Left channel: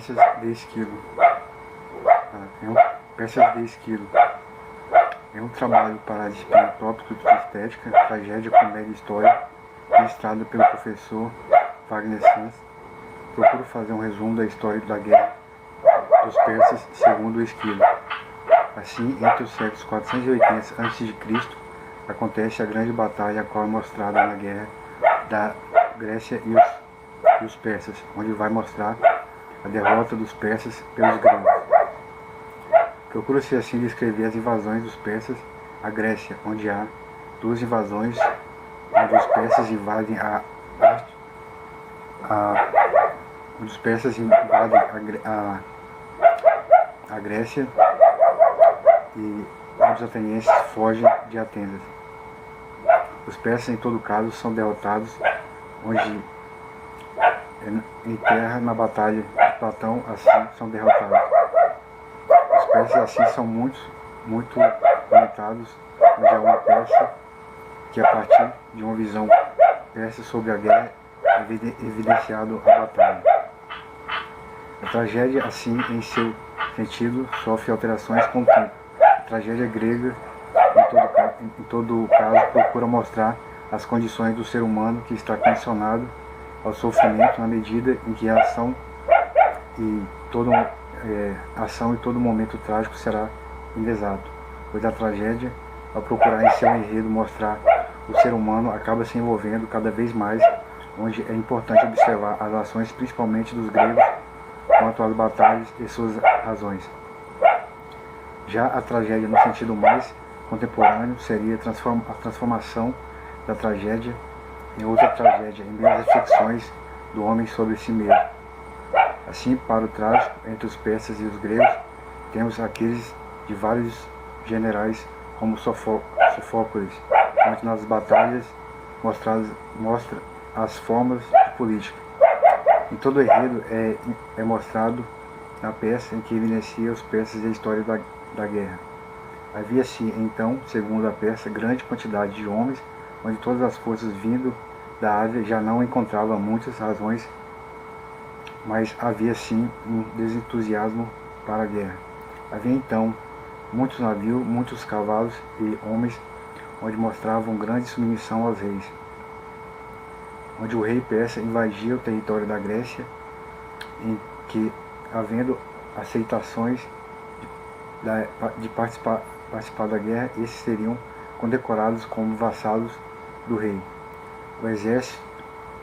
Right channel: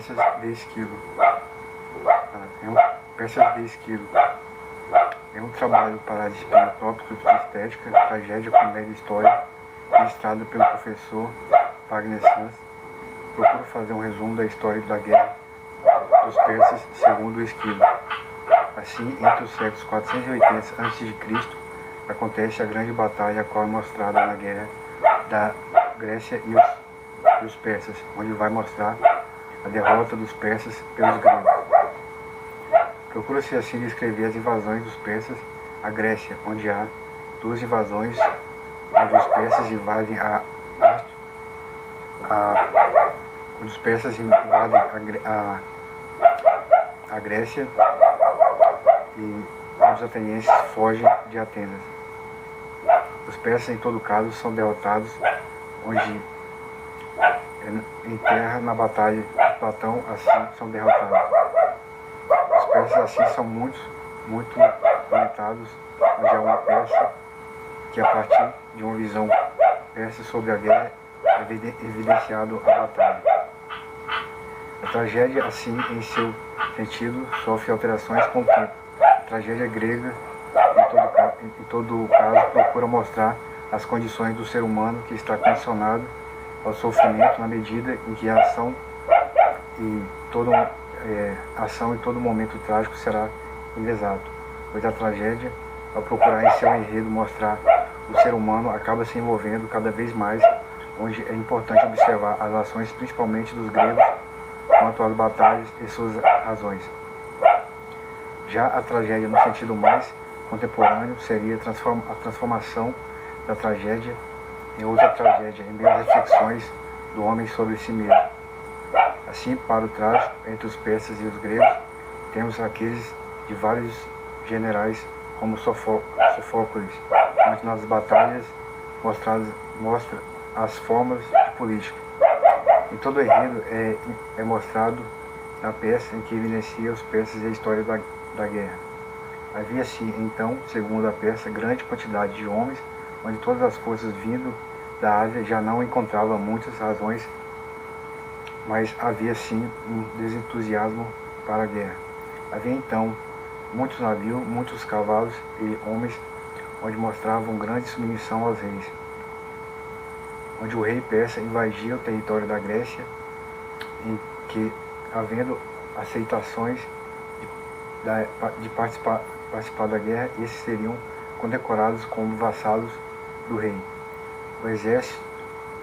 Peças de Esquilo. Peças de Esquilo. É um trabalho para disciplinar tópicos de estética, tragédia, comédia e história, ministrado pelo professor Wagner Sanz. Procuro fazer um resumo da história da guerra dos persas segundo o Esquilo. Assim, entre os séculos 480 a.C., acontece a grande batalha, a qual é mostrada na guerra da Grécia e os persas, onde vai mostrar a derrota dos persas pelos gregos. Procura-se assim descrever as invasões dos persas à Grécia, onde há duas invasões, onde os persas invadem a Grécia e os atenienses fogem de Atenas. Os persas, em todo caso, são derrotados, onde em terra, na batalha de Platão, assim são derrotados. Os persas, assim, são muito comentados, onde há uma peça que, a partir de uma visão persa sobre a guerra, é evidenciado a batalha. A tragédia, assim, em seu sentido, sofre alterações com o tempo. A tragédia grega, em todo caso, procura mostrar as condições do ser humano que está condicionado ao sofrimento na medida em que a ação e todo momento trágico será inexato, pois a tragédia, ao procurar em seu enredo mostrar o ser humano, acaba se envolvendo cada vez mais, onde é importante observar as ações principalmente dos gregos quanto às batalhas e suas razões. Já a tragédia, no sentido mais contemporâneo, seria a transformação da tragédia em outra tragédia, em meio às reflexões do homem sobre si mesmo. Assim, para o trágico, entre os persas e os gregos, temos aqueles de vários generais, como Sofócles, onde nas batalhas mostra as formas de política. Em todo o enredo é mostrado na peça em que evidencia os persas e a história da guerra. Havia-se então, segundo a peça, grande quantidade de homens, onde todas as forças vindo da Ásia já não encontravam muitas razões, mas havia sim um desentusiasmo para a guerra. Havia então muitos navios, muitos cavalos e homens, onde mostravam grande submissão aos reis. Onde o rei persa invadia o território da Grécia, em que, havendo aceitações de participar da guerra, esses seriam condecorados como vassalos do rei. O exército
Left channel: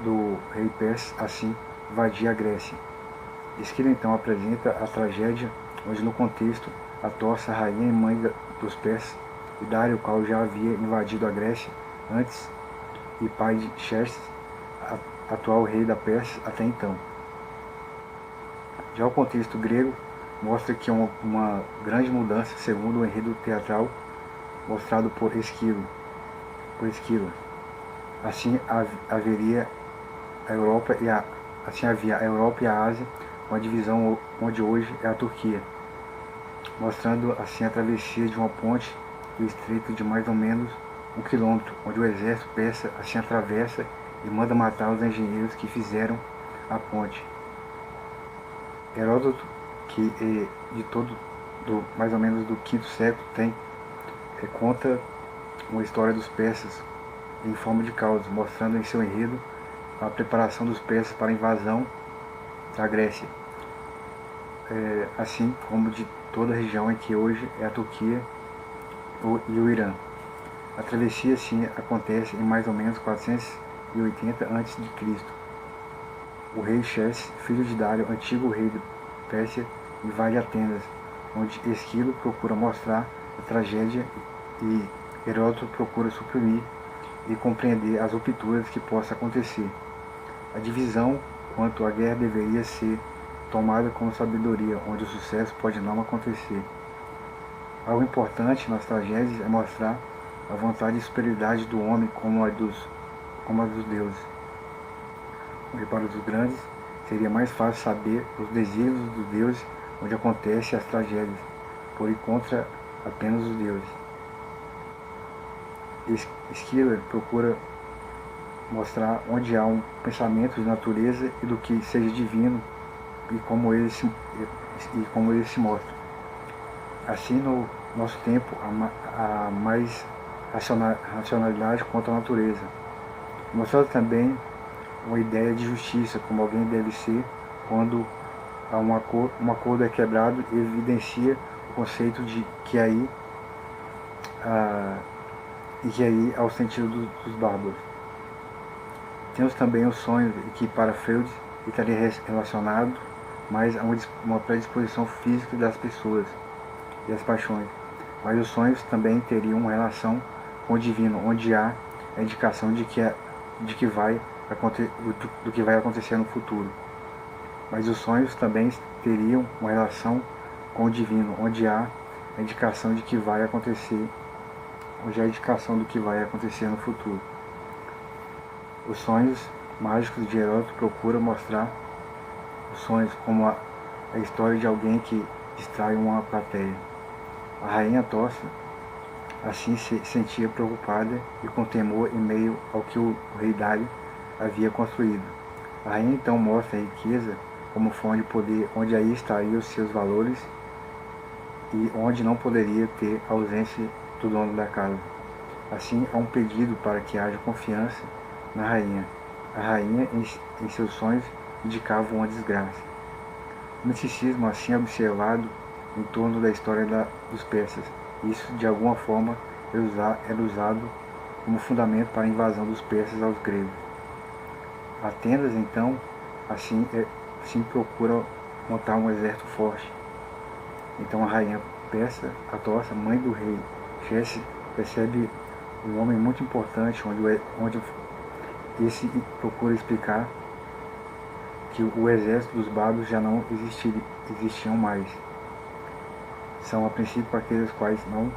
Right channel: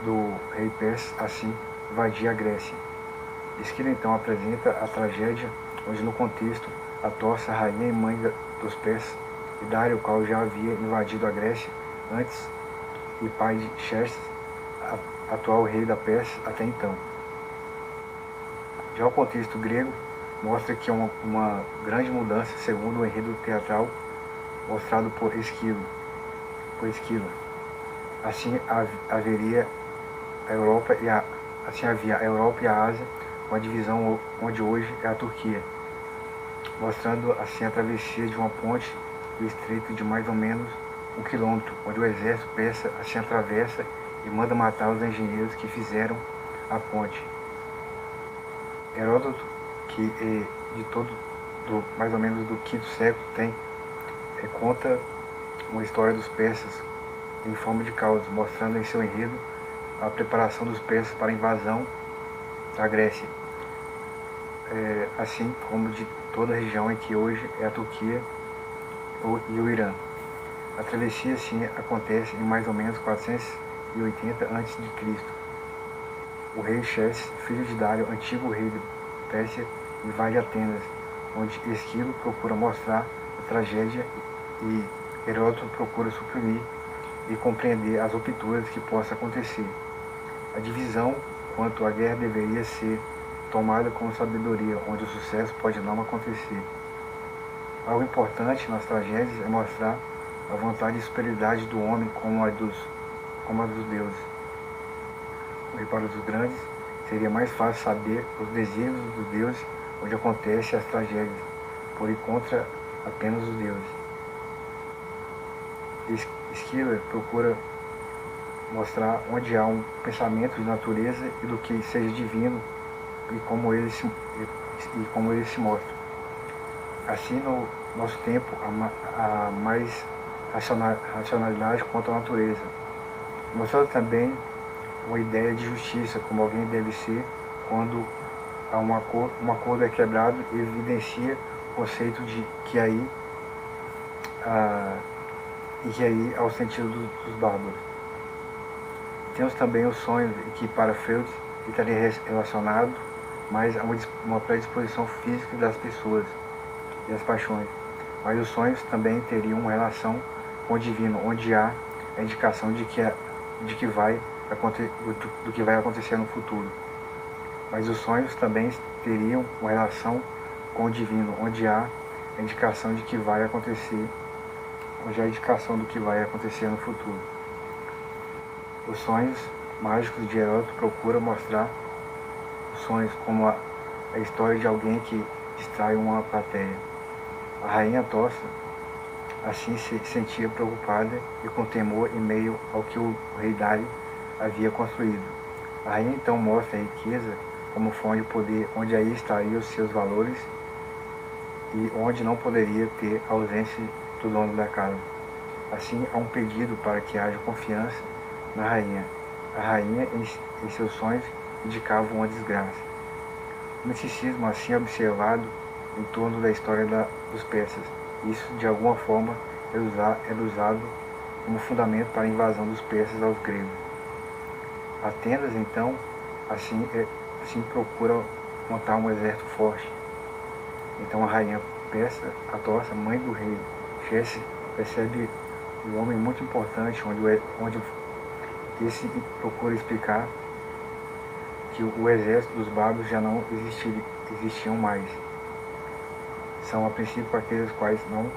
do rei persa, assim, invadia a Grécia. Esquilo então apresenta a tragédia, onde no contexto a Torça, a rainha e mãe dos persas, e Dário, o qual já havia invadido a Grécia antes, e pai de Xerxes, atual rei da Pérsia até então. Já o contexto grego mostra que uma grande mudança, segundo o enredo teatral mostrado por Esquilo. Assim havia a Europa havia a Europa e a Ásia, com a divisão onde hoje é a Turquia, mostrando assim a travessia de uma ponte do estreito de mais ou menos 1 quilômetro, onde o exército persa assim atravessa e manda matar os engenheiros que fizeram a ponte. Heródoto, que mais ou menos do V século, conta uma história dos persas em forma de caos, mostrando em seu enredo a preparação dos persas para a invasão da Grécia, assim como de toda a região em que hoje é a Turquia e o Irã. A travessia, sim, acontece em mais ou menos 480 a.C. O rei Xerxes, filho de Dário, antigo rei de Pérsia, invade Atenas, onde Esquilo procura mostrar a tragédia e Heródoto procura suprimir e compreender as rupturas que possam acontecer. A divisão quanto à guerra deveria ser tomada com sabedoria, onde o sucesso pode não acontecer. Algo importante nas tragédias é mostrar a vontade e superioridade do homem como a dos deuses. Onde para os grandes seria mais fácil saber os desígnios dos deuses, onde acontecem as tragédias, por ir contra apenas os deuses. Esquilo procura mostrar onde há um pensamento de natureza e do que seja divino, como ele se mostra. Assim, no nosso tempo, há mais racionalidade quanto à natureza. Mostrando também uma ideia de justiça, como alguém deve ser quando um acordo é quebrado, evidencia o conceito de que aí é o sentido dos bárbaros. Temos também o sonho, que para Freud estaria relacionado mais a uma predisposição física das pessoas e as paixões. Mas os sonhos também teriam uma relação com o divino, onde há a indicação do que vai acontecer no futuro. Mas os sonhos também teriam uma relação com o divino, onde há a indicação do que vai acontecer no futuro. Os sonhos mágicos de Heródoto procuram mostrar os sonhos como a história de alguém que distrai uma plateia. A rainha Atossa assim se sentia preocupada e com temor em meio ao que o rei Dário havia construído. A rainha então mostra a riqueza como fonte de poder, onde aí estariam os seus valores e onde não poderia ter a ausência do dono da casa. Assim, há um pedido para que haja confiança na rainha. A rainha, em seus sonhos, indicava uma desgraça. O misticismo assim é observado em torno da história dos persas. Isso, de alguma forma, era usado como fundamento para a invasão dos persas aos gregos. Atenas, então, assim procura montar um exército forte. Então a rainha persa, Atossa, mãe do rei Xerxes, percebe um homem muito importante, onde esse procura explicar que o exército dos bárbaros já não existiam mais. São a princípio aqueles quais não...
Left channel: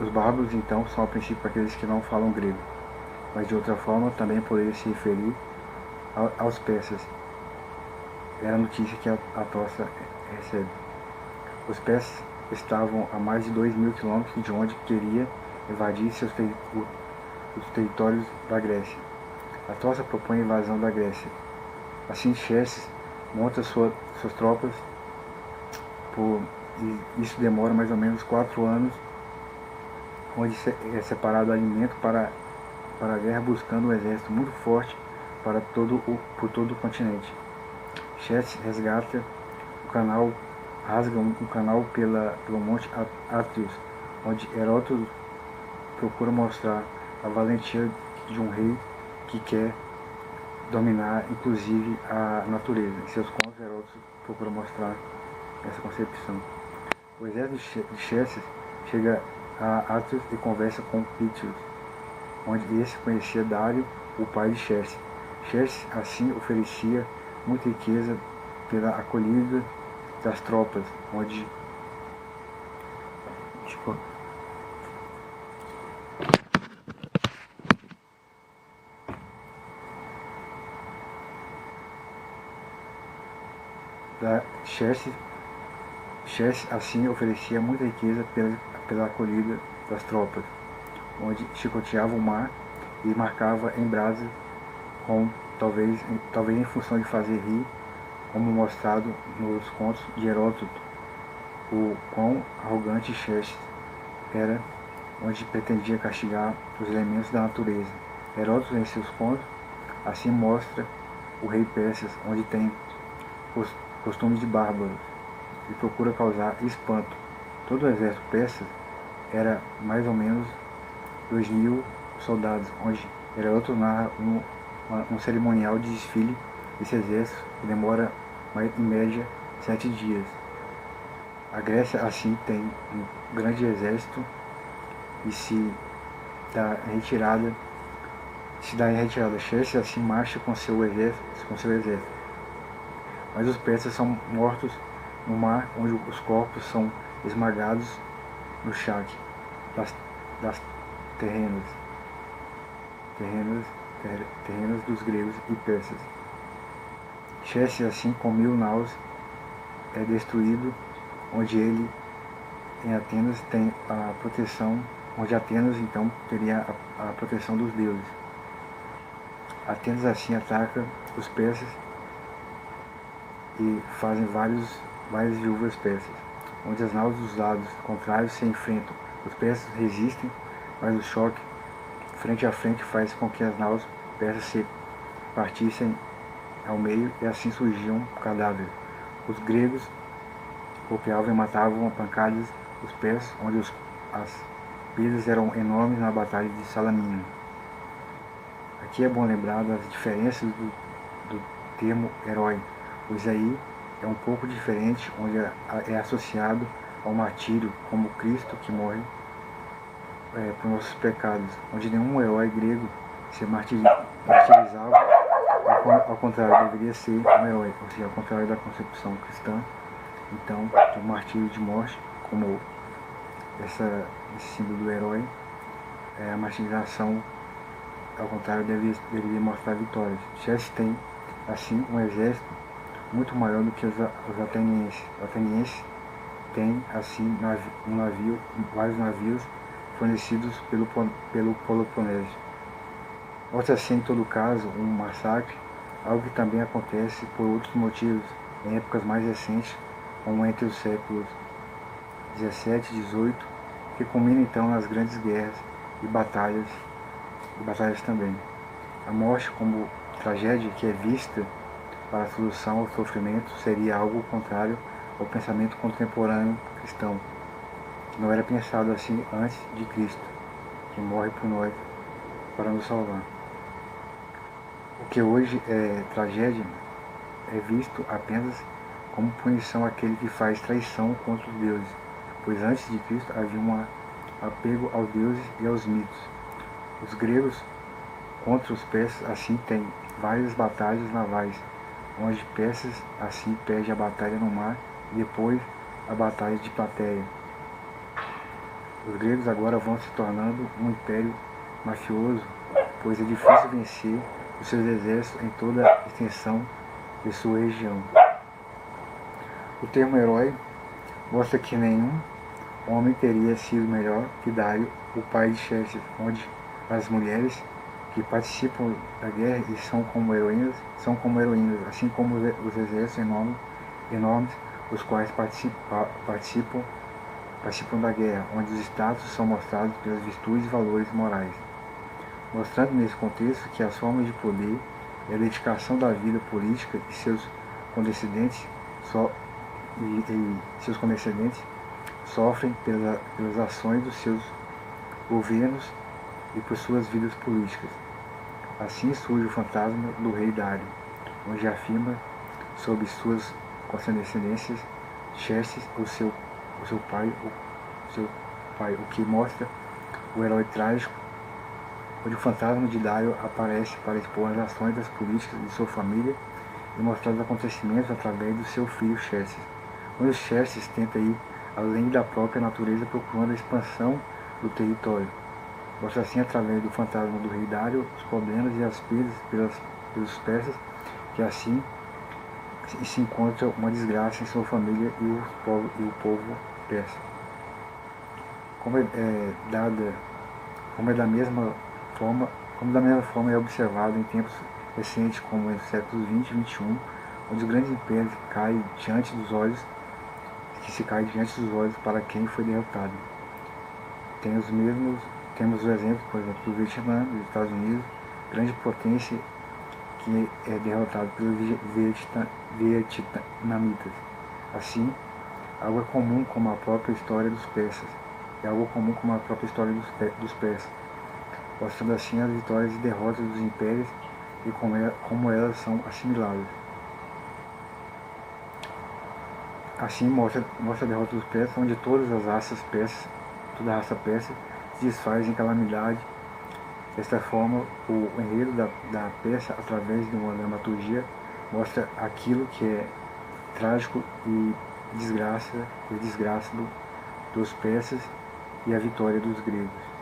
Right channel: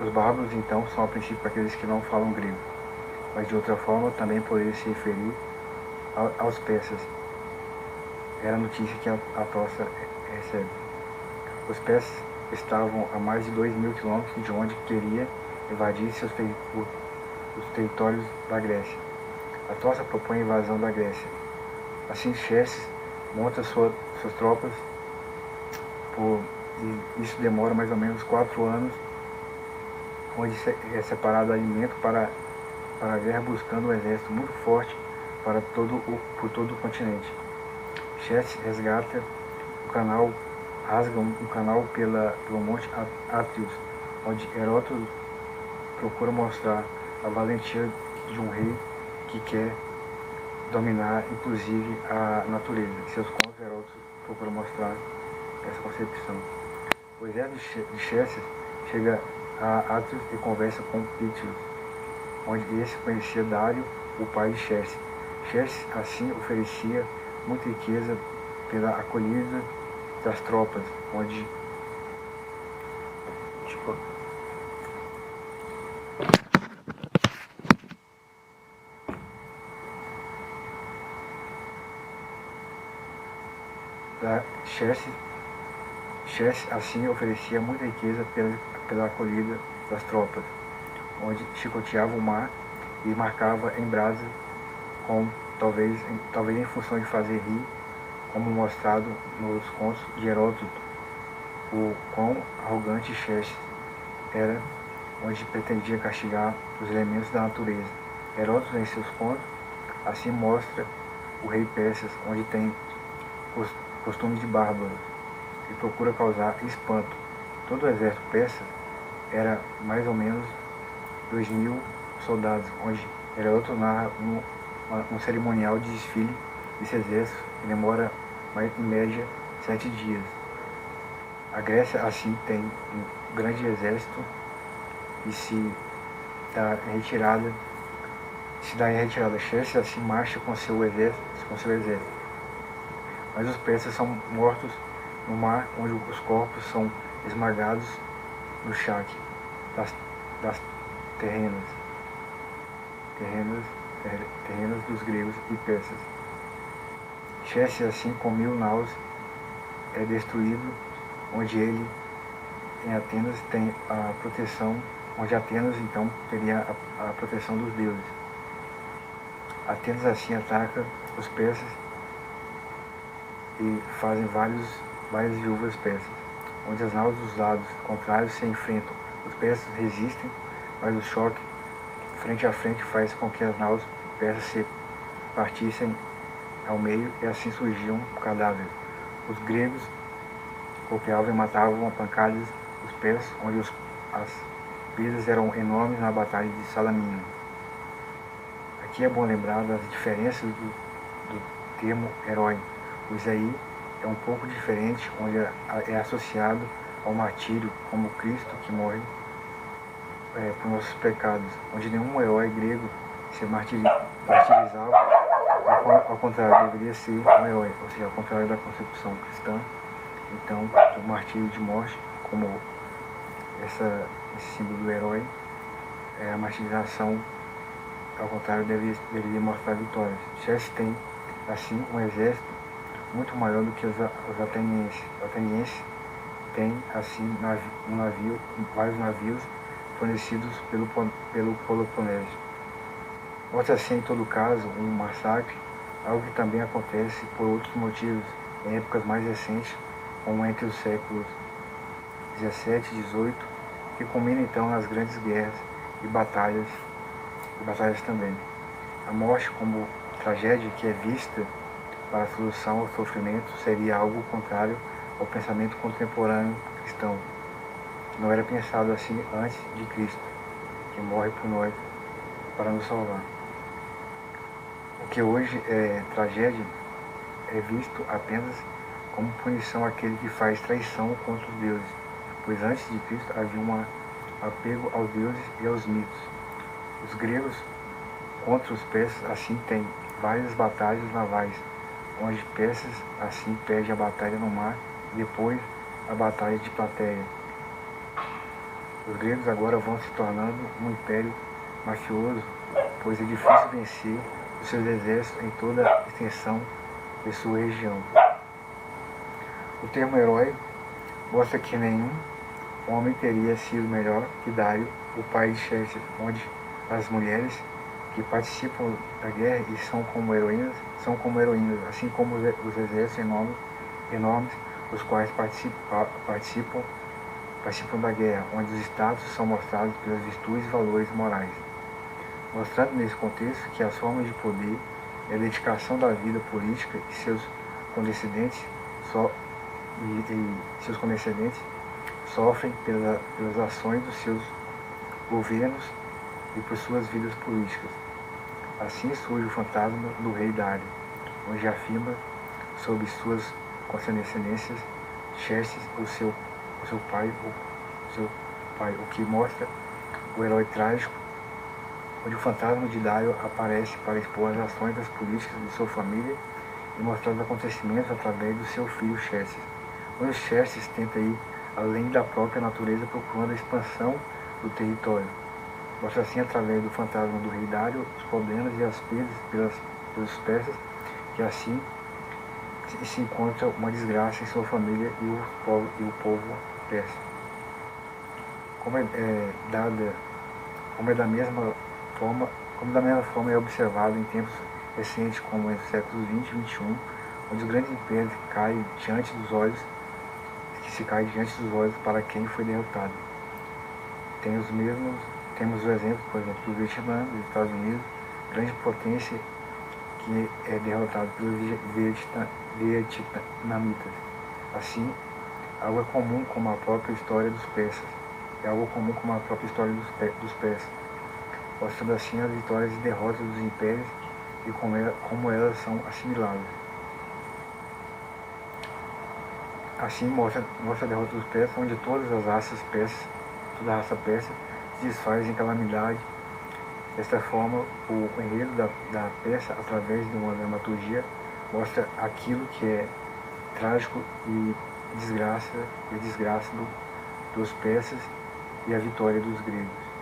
os bárbaros, então, são a princípio aqueles que não falam grego. Mas de outra forma também poderia se referir aos persas. Era a notícia que a Atossa recebe. Os persas estavam a mais de 2.000 quilômetros de onde queria invadir os territórios da Grécia. Atossa propõe a invasão da Grécia. Assim, Xerxes monta suas tropas, e isso demora mais ou menos 4 anos, onde é separado alimento para a guerra, buscando um exército muito forte por todo o continente. Xerxes resgata rasga um canal pelo monte Atrios, onde Heródoto procura mostrar a valentia de um rei que quer dominar, inclusive, a natureza. Em seus contos, Heródoto procura mostrar essa concepção. O exército de Xerxes chega a Atrios e conversa com Pítios, onde esse conhecia Dário, o pai de Xerxes. Xerxes, assim, oferecia muita riqueza pela acolhida das tropas, onde Xerxes assim oferecia muita riqueza pela acolhida das tropas, onde chicoteava o mar e marcava em brasa, talvez em função de fazer rir, como mostrado nos contos de Heródoto, o quão arrogante Xerxes era, onde pretendia castigar os elementos da natureza. Heródoto, em seus contos, assim mostra o rei persas, onde tem costumes de bárbaros e procura causar espanto. Todo o exército persa era mais ou menos 2.000 soldados, onde Heródoto narra um cerimonial de desfile desse exército que demora em média 7 dias. A Grécia assim tem um grande exército e se dá em retirada. Xerxes assim marcha com seu exército. Mas os persas são mortos no mar, onde os corpos são esmagados no charque das terrenas dos gregos e persas. Xerxes assim com 1.000 naus é destruído, onde ele em Atenas tem a proteção, onde Atenas então teria a proteção dos deuses. Atenas assim ataca os persas e fazem várias viúvas persas, onde as naus dos lados contrários se enfrentam. Os persas resistem, mas o choque frente a frente faz com que as naus persas se partissem ao meio e assim surgiam cadáveres. Os gregos golpeavam e matavam a pancadas os persas, onde as perdas eram enormes na batalha de Salamina. Aqui é bom lembrar das diferenças do termo herói, pois aí é um pouco diferente, onde é associado ao martírio, como Cristo que morre por nossos pecados, onde nenhum herói grego se martirizava, ao contrário, deveria ser um herói, ou seja, ao contrário da concepção cristã. Então, o martírio de morte, como esse símbolo do herói, a martirização, ao contrário, deveria mostrar vitórias. Xerxes tem, assim, um exército muito maior do que os atenienses. Os atenienses têm, assim, vários navios fornecidos pelo Peloponeso. Mostra assim, em todo caso, um massacre, algo que também acontece por outros motivos, em épocas mais recentes, como entre os séculos 17 e 18, que culmina então nas grandes guerras e batalhas também. A morte como tragédia que é vista para a solução ao sofrimento seria algo contrário ao pensamento contemporâneo cristão. Não era pensado assim antes de Cristo, que morre por nós para nos salvar. O que hoje é tragédia é visto apenas como punição àquele que faz traição contra os deuses, pois antes de Cristo havia um apego aos deuses e aos mitos. Os gregos contra os persas assim têm várias batalhas navais, onde Persas assim perde a batalha no mar e depois a batalha de Plateia. Os gregos agora vão se tornando um império mafioso, pois é difícil vencer os seus exércitos em toda a extensão de sua região. O termo herói mostra que nenhum homem teria sido melhor que Dário, o pai de Xerxes, onde as mulheres que participam da guerra e são como heroínas, assim como os exércitos enormes, os quais participam da guerra, onde os status são mostrados pelas virtudes e valores morais, mostrando nesse contexto que as formas de poder e a dedicação da vida política e seus condescendentes sofrem pelas ações dos seus governos e por suas vidas políticas. Assim surge o fantasma do rei Dário, onde afirma sobre suas condescendências Xerxes, o seu pai, o que mostra o herói trágico, onde o fantasma de Dário aparece para expor as ações das políticas de sua família e mostrar os acontecimentos através do seu filho Xerxes, onde Xerxes tenta ir além da própria natureza procurando a expansão do território. Mostra assim, através do fantasma do rei Dário, os problemas e as perdas pelos persas, que assim se encontra uma desgraça em sua família e o povo persa. Como da mesma forma é observado em tempos recentes, como entre os séculos 20 e 21, onde os grandes impérios se caem diante dos olhos para quem foi derrotado. Temos o exemplo, por exemplo, do Vietnã, dos Estados Unidos, grande potência que é derrotado pelos vietnamitas. Assim, algo é comum como a própria história dos persas, mostrando assim as vitórias e derrotas dos impérios e como elas são assimiladas. Assim mostra a derrota dos persas, onde toda a raça persa se desfaz em calamidade. Desta forma, o enredo da peça, através de uma dramaturgia, mostra aquilo que é trágico e desgraça dos persas e a vitória dos gregos.